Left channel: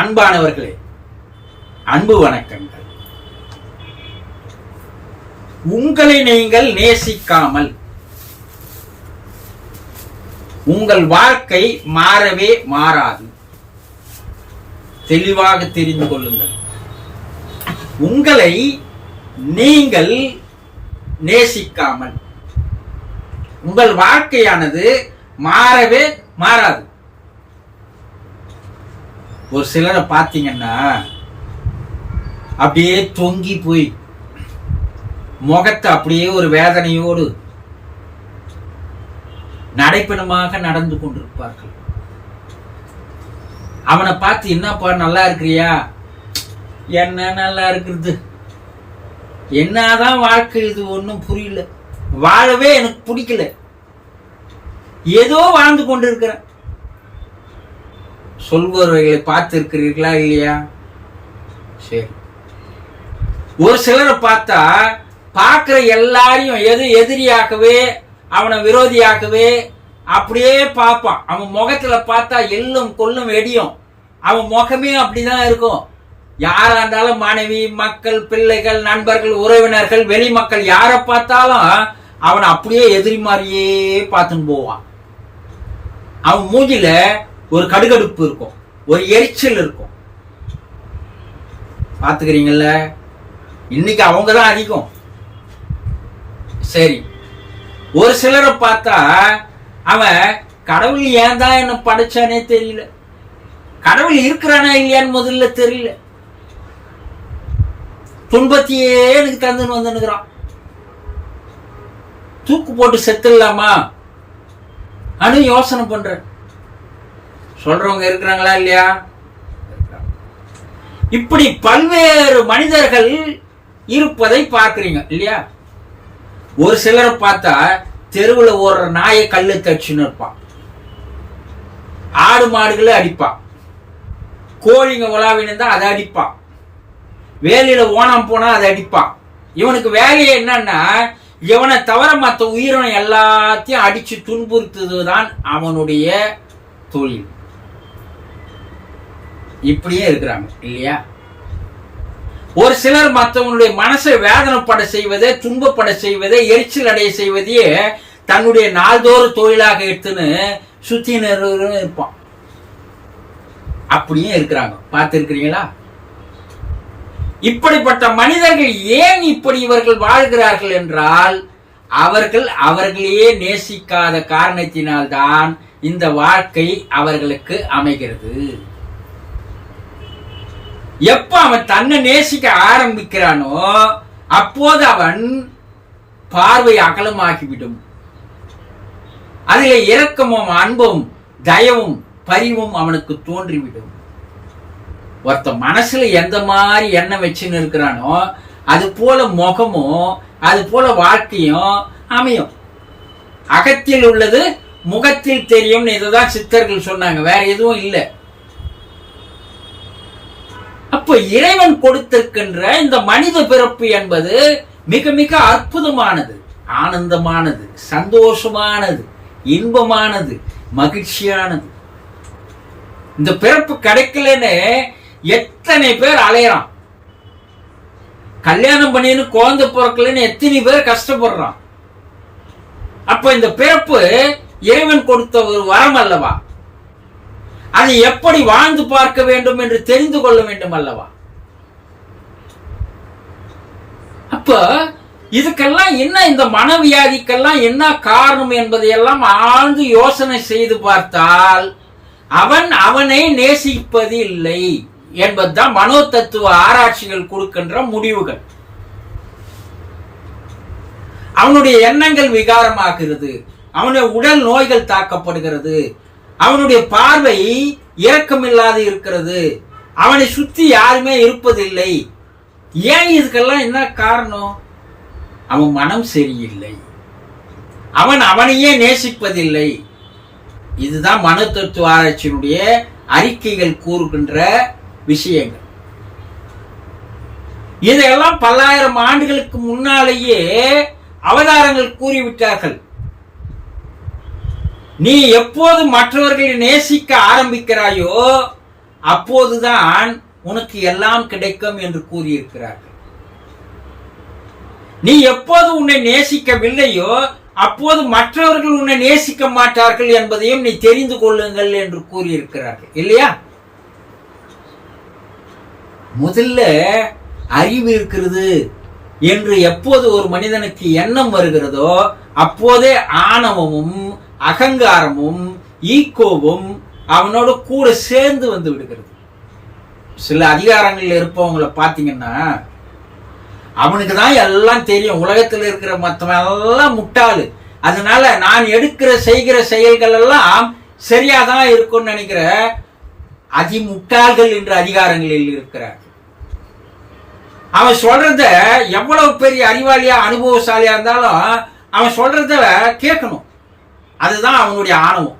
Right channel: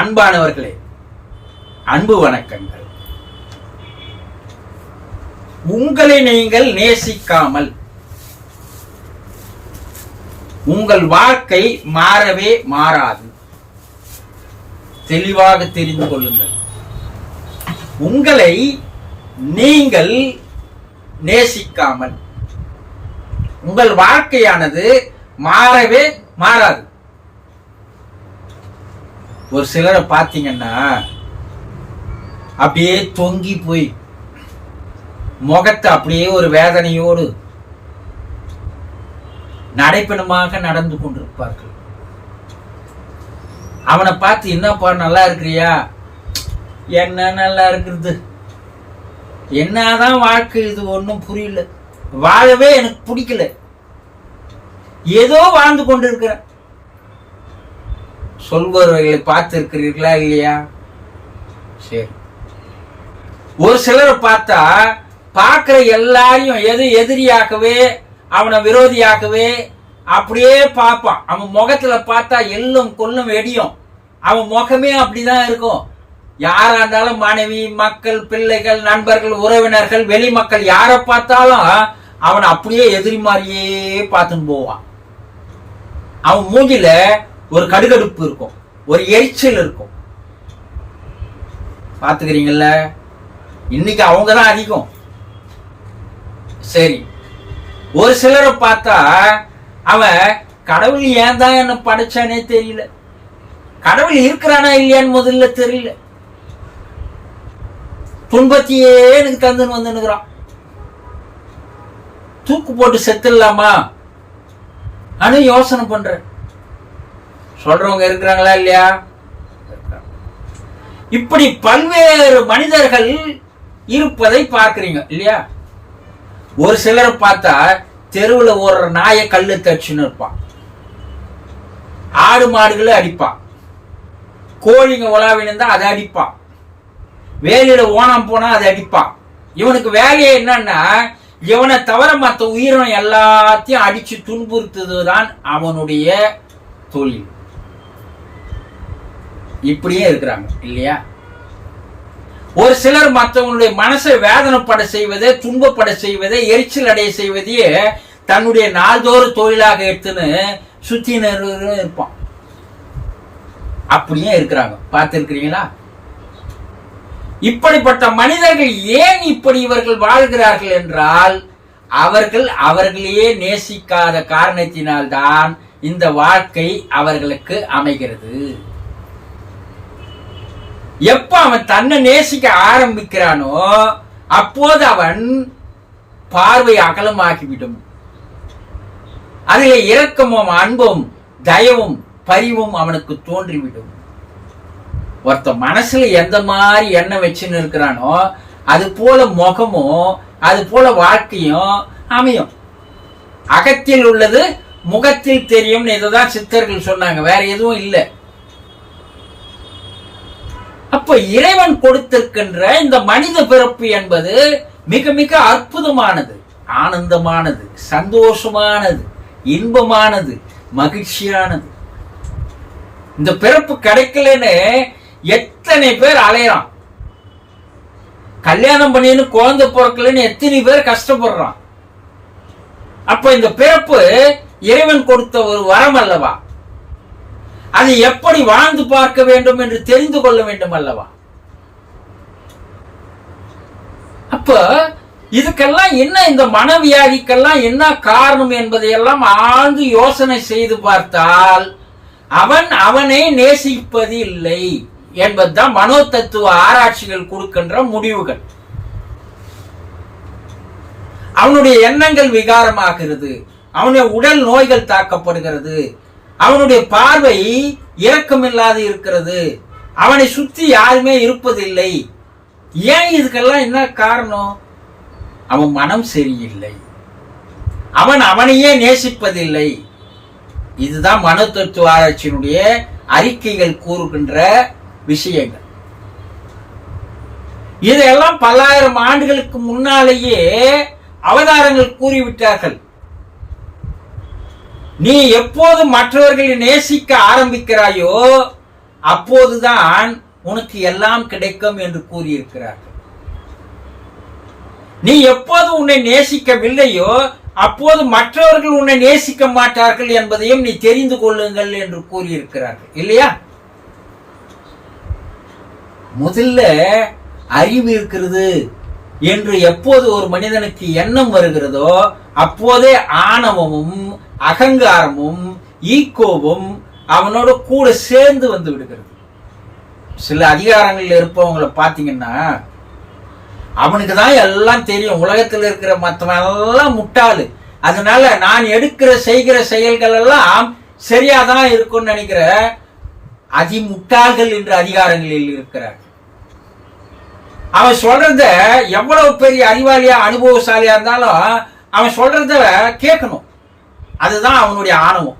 அன்பானவர்களே, அன்பு வணக்கங்கள். உங்களை நீங்கள் நேசிக்காமல் உங்கள் வாழ்க்கை மாறவே மாறாது. தெளிவாக தெரிந்து கொள்ளுங்கள். உங்களை நீங்கள் நேசிக்காமல் உங்கள் வாழ்க்கையானது மாறவே மாறாது. ஒரு சிலரை பார்த்தீங்கன்னா அப்படியே தொங்கி போய் முகத்தை அப்படியே ஒரு வேதனையோடு நடைப்பணமாக நடந்து கொண்டிருப்பார்கள். அவனை பார்த்து, என்னப்பா நல்லா இருக்கிறியா? என்ன நல்லா இருக்கிறது, என்னதான் வாழ்க்கை இது, ஒன்றும் புரியல, வாழவே எனக்கு பிடிக்கல, ஏதோ வாழ்ந்து கொண்டு இருக்கிறேன் சொல்பவர்களை பார்த்து இருக்கிறீர்களா இல்லையா? சரி. ஒரு சிலரை பார்த்தா பார்க்கிற எல்லாரையும் எதிரியாகவே, அவனை விரோதியாகவே அப்படியே பார்ப்பான். அவன் முகத்துல பார்த்தா எள்ளும் கொல்லும் வெடியும். அவன் முகமே அப்படிதான் இருக்கும். யாரா இருந்தாலும் மனைவி, மக்கள், பிள்ளைகள், நண்பர்கள், உறவினர்கள், வெளி மக்கள் யாரை பார்த்தாலும் அவனை அப்படியே எதிரி மாதிரியே பார்த்துன்னு போவான். அவன் மூஞ்சில ஒரு கடுகடுப்பு இருக்கும், ஒரு எரிச்சல் இருக்கும். பாத்துக்கிறீங்கல்ல? இன்னைக்கு அவங்கதான் அதிகம். சரி. ஒரு சிலரை பார்த்தா அவன் கடவுள் ஏன் தான் என்ன படைச்சானே தெரியல, கடவுள் இருக்கிறானா இல்லையான்னு முதல்ல தெரியல, துன்பத்தையே எனக்கு தந்துன்னு வந்துன்னுக்குறான், தூக்கு போட்டு செத்துடலாமா ஆனா யோசனை பண்ற சொல்றவங்க இருக்கிறாங்களா இல்லையா? இப்படி பல்வேறு மனிதர்கள் இருப்பதை பார்க்கிறீங்க இல்லையா? ஒரு சிலரை பார்த்தா தெருவில் ஓடுற நாயை கல்லு தச்சுன்னு இருப்பான், ஆடு மாடுகளை அடிப்பான், கோழிங்க உலாவினா அதை அடிப்பான், வேலையில ஓணம் போனா அதை அடிப்பான். இவனுக்கு வேலையே என்னன்னா, இவனை தவிர மற்ற உயிரினம் எல்லாத்தையும் அடிச்சு துன்புறுத்துவதுதான் அவனுடைய தொழில். இப்படியே இருக்கிறாங்க இல்லையா? ஒரு சிலர் மற்றவங்களுடைய மனசை வேதனைப்பட செய்வதே, துன்பப்பட செய்வதே, எரிச்சல் அடைய செய்வதையே தன்னுடைய நாள்தோறும் தொழிலாக எடுத்துன்னு சுத்தினர் இருப்பான். அப்படியே இருக்கிறாங்க. பார்த்திருக்கிறீங்களா? இப்படிப்பட்ட மனிதர்கள் ஏன் இப்படி இவர்கள் வாழ்கிறார்கள் என்றால், அவர்கள் அவர்களையே நேசிக்காத காரணத்தினால்தான் இந்த வாழ்க்கை அவர்களுக்கு அமைகிறது. எப்ப அவன் தன்னை நேசிக்க ஆரம்பிக்கிறானோ அப்போது அவன் பார்வை அகலமாகிவிடும். அதில் இரக்கமும் அன்பும் தயவும் பரிவும் அவனுக்கு தோன்றிவிடும். ஒருத்த மனசுல எந்த மாதிரி எண்ணம் வச்சுன்னு இருக்கிறானோ அது போல முகமும் அது போல வாழ்க்கையும் அமையும். அகத்தில் உள்ளது முகத்தில் தெரியும். இதுதான் சித்தர்கள் சொன்னாங்க, வேற எதுவும் இல்லை. அப்ப இறைவன் கொடுத்திருக்கின்ற இந்த மனித பிறப்பு என்பது மிக மிக அற்புதமானது, ஆனந்தமானது, சந்தோஷமானது, இன்பமானது, மகிழ்ச்சியானது. இந்த பிறப்பு கிடைக்கலன்னு எத்தனை பேர் அலையறான். கல்யாணம் பண்ணின்னு குழந்தை பிறக்கலன்னு எத்தனை பேர் கஷ்டப்படுறான். அப்ப இந்த பிறப்பு இறைவன் கொடுத்த ஒரு வரம் அல்லவா? அதை எப்படி வாழ்ந்து பார்க்க வேண்டும் என்று தெரிந்து கொள்ள வேண்டும் அல்லவா? அப்ப இதுக்கெல்லாம் என்ன, இந்த மனவியாதிக்கெல்லாம் என்ன காரணம் என்பதையெல்லாம் ஆழ்ந்து யோசனை செய்து பார்த்தால் அவன் அவனை நேசிப்பது இல்லை என்பதுதான் மனோ தத்துவ ஆராய்ச்சிகள் கொடுக்கின்ற முடிவுகள். அவனுடைய எண்ணங்கள் விகாரமாகிறது, அவனுடைய உடல் நோய்கள் தாக்கப்படுகிறது, அவனுடைய பார்வை இரக்கமில்லாது இருக்கிறது, அவனை சுற்றி யாருமே இருப்பதில்லை. ஏன்? இதுக்கெல்லாம் என்ன காரணம்? அவன் மனம் சரியில்லை, அவன் அவனையே நேசிப்பதில்லை. இதுதான் மனோ தத்துவ ஆராய்ச்சியினுடைய அறிக்கைகள் கூறுகின்ற விஷயங்கள். இதையெல்லாம் பல்லாயிரம் ஆண்டுகளுக்கு முன்னாலேயே அவதாரங்கள் கூறிவிட்டார்கள். நீ எப்போது மற்றவர்களை நேசிக்க ஆரம்பிக்கிறாயோ அப்போதுதான் உனக்கு எல்லாம் கிடைக்கும் என்று கூறியிருக்கிறார்கள். நீ எப்போது உன்னை நேசிக்கவில்லையோ அப்போது மற்றவர்கள் உன்னை நேசிக்க மாட்டார்கள் என்பதையும் நீ தெரிந்து கொள்ளுங்கள் என்று கூறியிருக்கிறார்கள் இல்லையா? முதல்ல அறிவு இருக்கிறது என்று எப்போது ஒரு மனிதனுக்கு எண்ணம் வருகிறதோ அப்போதே ஆணவமும் அகங்காரமும் ஈகோவும் அவனோட கூட சேர்ந்து வந்து விடுகிறது. சில அதிகாரங்களில் இருப்பவங்களை பார்த்தீங்கன்னா அவனுக்கு தான் எல்லாம் தெரியும், உலகத்தில் இருக்கிற மற்றவன் எல்லாம் முட்டாளு, அதனால நான் செய்கிற செயல்கள் எல்லாம் சரியாதான் இருக்கும்னு நினைக்கிற அதிமுட்டாள்கள் என்ற அதிகாரங்களில் இருக்கிறார். அவன் சொல்றத எவ்வளவு பெரிய அறிவாளியா அனுபவசாலியா இருந்தாலும் அவன் சொல்றத கேட்கணும், அதுதான் அவனுடைய ஆணவம்.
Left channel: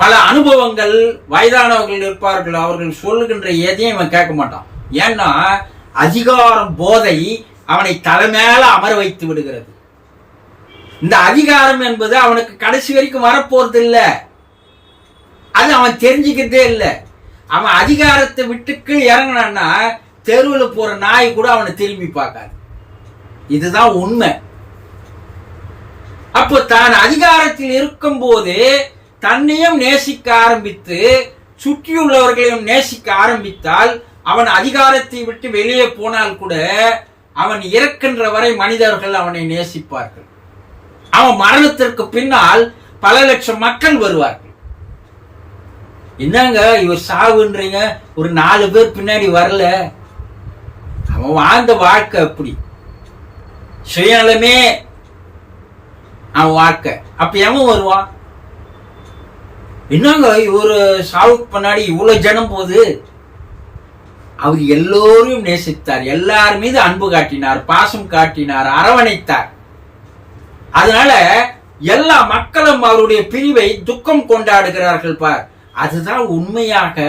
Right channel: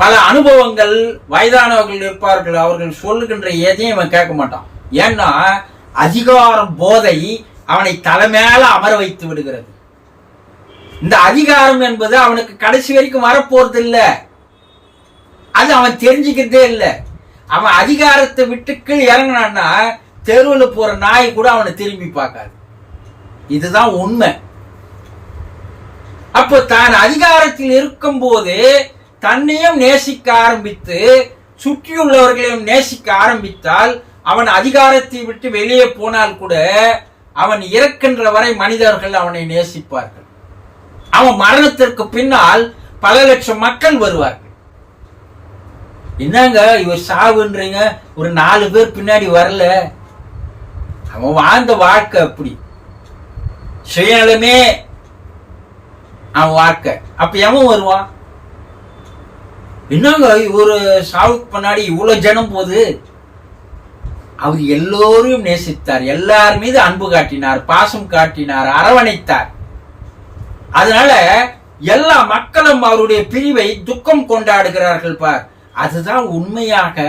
பல அனுபவங்கள் வயதானவர்கள் இருப்பார்கள், அவர்கள் சொல்லுகின்ற எதையும் அவன் கேட்க மாட்டான். ஏன்னா அதிகாரம் போதை அவனை தலைமையில அமர வைத்து விடுகிறது. இந்த அதிகாரம் என்பது அவனுக்கு கடைசி வரைக்கும் வரப்போறது இல்லை, அது அவன் தெரிஞ்சுக்கிறதே இல்லை. அவன் அதிகாரத்தை விட்டுக்கு இறங்கினான்னா தெருவில் போற நாய் கூட அவனை திரும்பி பார்க்காது. இதுதான் உண்மை. அப்போ தான் அதிகாரத்தில் இருக்கும் போது தன்னையும் நேசிக்க ஆரம்பித்து சுற்றியுள்ளவர்களையும் நேசிக்க ஆரம்பித்தால் அவன் அதிகாரத்தை விட்டு வெளியே போனால் கூட அவன் இறக்கின்ற வரை மனிதர்கள் அவனை நேசிப்பார்கள். அவன் மரணத்திற்கு பின்னால் பல லட்சம் மக்கள் வருவார்கள். என்னங்க இவர் சாவுன்றீங்க, ஒரு 4 பேர் பின்னாடி வரல. அவன் வாழ்ந்த வாழ்க்கை அப்படி, சுயநலமே அவன் வாழ்க்கை. அப்ப எவன் வருவான்? என்னங்க இவரு சாவுக்கு பின்னாடி இவ்வளவு ஜனம் போகுது. அவர் எல்லோரையும் நேசித்தார், எல்லார் மீது அன்பு காட்டினார், பாசம் காட்டினார், அரவணைத்தார். அதனால எல்லா மக்களும் அவருடைய பிரிவை துக்கம் கொண்டாடுகிறார்கள். பார், அதுதான் உண்மையாக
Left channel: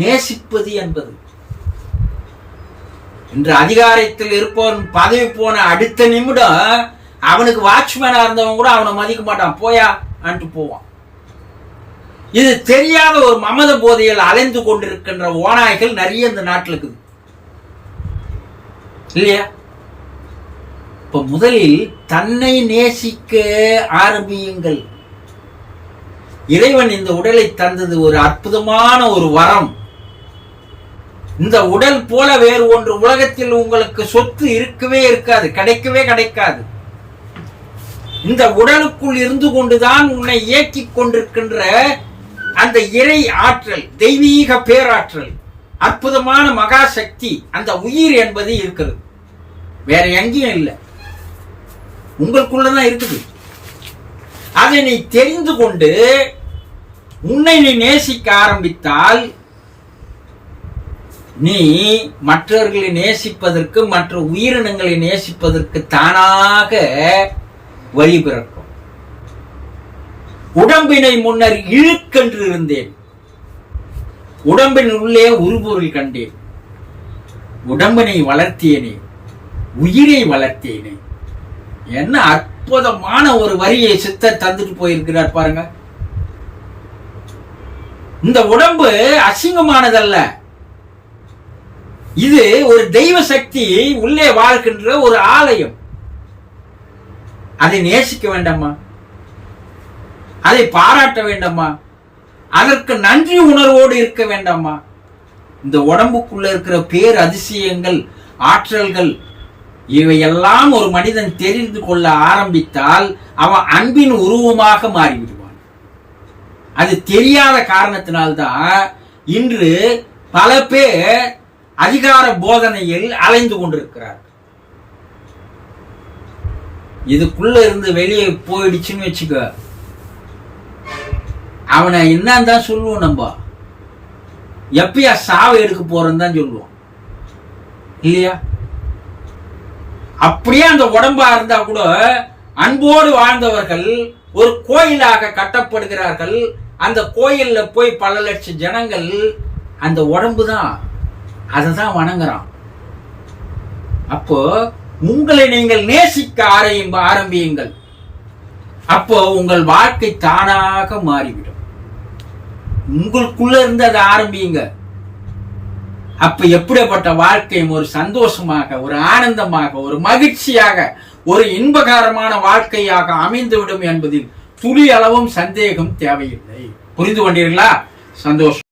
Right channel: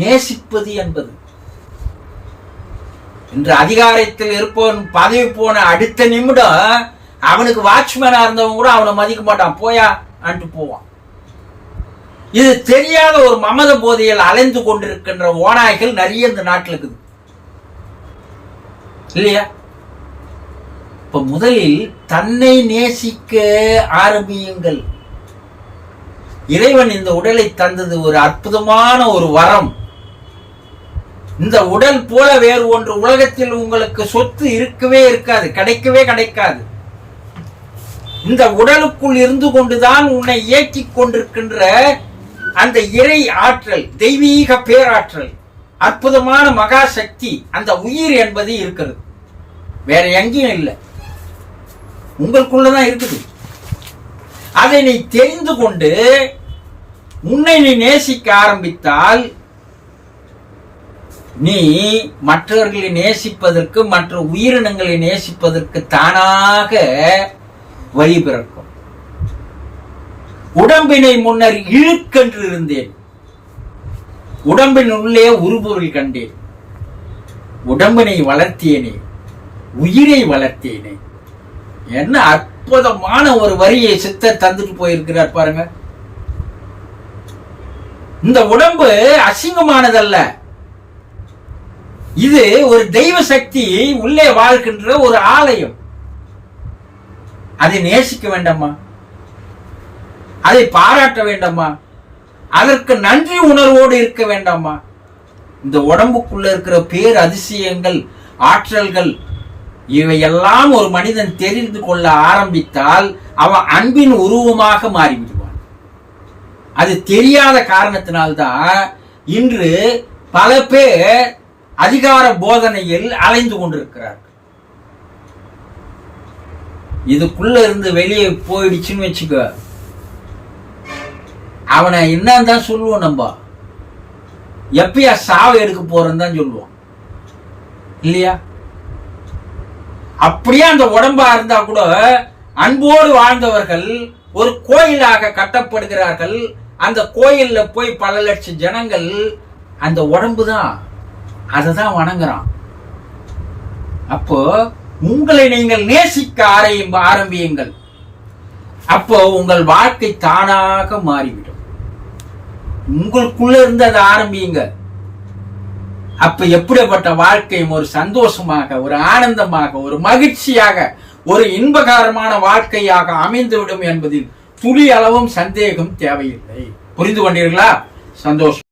நேசிப்பது என்பது. இன்று அதிகாரத்தில் இருப்பவன் பதவி போன அடுத்த நிமிடம் அவனுக்கு வாட்ச்மேனா இருந்தவன் கூட அவனை மதிக்க மாட்டான், போயா அன்ட்டு போவான். இது தெரியாத ஒரு மமத போதையில் அலைந்து கொண்டிருக்கின்ற ஓநாய்கள் நிறைய இந்த நாட்டில் இருக்குது இல்லையா? இப்ப முதலில் தன்னை நேசிக்க ஆரம்பியுங்கள். இறைவன் இந்த உடலை தந்தது ஒரு அற்புதமான ஒரு வரம். இந்த உடல் போல வேறு ஒன்று உலகத்தில் உங்களுக்கு சொத்து இருக்கவே இருக்காது, கிடைக்கவே கிடைக்காது. இந்த உடலுக்குள் இருந்து கொண்டுதான் உன்னை இயக்கிக் கொண்டிருக்கின்ற அந்த இறை ஆற்றல், தெய்வீக பேராற்றல், அற்புதமான மகா சக்தி, அந்த உயிர் என்பது இருக்கிறது. வேற எங்கேயும் இல்லை, உங்களுக்குள்ளதான் இருக்குது. அதை நீ தெரிந்து கொண்டு உன்னை நீ நேசிக்க ஆரம்பித்தால் நீ மற்றவர்களை நேசிப்பதற்கு, மற்ற உயிரினங்களை நேசிப்பதற்கு தானாக வழி பிறக்கும். உடம்பினை முன்னர் இழுக்கென்று இருந்தேன், உடம்பின் உள்ளே உருபொருள் கண்டேன். உடம்பினை வளர்த்தேனே, உயிரை வளர்த்தேனே. என்ன அற்புதமான ஒரு வரியை சித்தர் தந்துட்டு போயிருக்கிறார் பாருங்க. இந்த உடம்பு அசிங்கமானதல்ல, இது ஒரு தெய்வ சக்தி உள்ளே வாழ்கின்ற ஒரு ஆலயம். அதை நேசிக்க வேண்டாமா? அதை பாராட்ட வேண்டாமா? அதற்கு நன்றி உணர்வோடு இருக்க வேண்டாமா? இந்த உடம்புக்குள்ள இருக்கிற பேர் அதிசயங்கள், ஆற்றல்கள், இவையெல்லாம் ஒரு மனிதன் தெரிந்து கொள்ள ஆரம்பித்தால் அவன் அன்பின் உருவமாக மாறிவிடுவான். அது தெரியாத காரணத்தினால்தான் இன்று பல பேர் அதிகார போதனையில் அலைந்து கொண்டிருக்கிறார்கள். இதுக்குள்ள இருந்து வெளியே போயிடுச்சுன்னு வச்சுக்க, அவனை என்னன்னு தான் சொல்லுவோம். நம்ம எப்பயா சாவை எடுக்க போறன்னு தான் சொல்லுவோம் இல்லையா? அப்படியே அந்த உடம்பா இருந்தா கூட அன்போடு வாழ்ந்தவர்கள் ஒரு கோயிலாக கட்டப்படுகிறார்கள். அந்த கோயில்ல போய் பல லட்சம் ஜனங்கள் அந்த உடம்பு தான், அதை தான் வணங்குறான். அப்போ உங்களை நீங்கள் நேசிக்க ஆரம்பியுங்கள். அப்போ உங்கள் வாழ்க்கை தானாக மாறிவிடும். உங்களுக்குள்ள இருந்து அதை ஆரம்பியுங்க. அப்ப எப்படிப்பட்ட வாழ்க்கையும் ஒரு சந்தோஷமாக, ஒரு ஆனந்தமாக, ஒரு மகிழ்ச்சியாக, ஒரு இன்பகரமான வாழ்க்கையாக அமைந்துவிடும் என்பதில் துளி அளவும் சந்தேகம் தேவையில்லை. புரிந்து கொண்டீர்களா? சந்தோஷம்.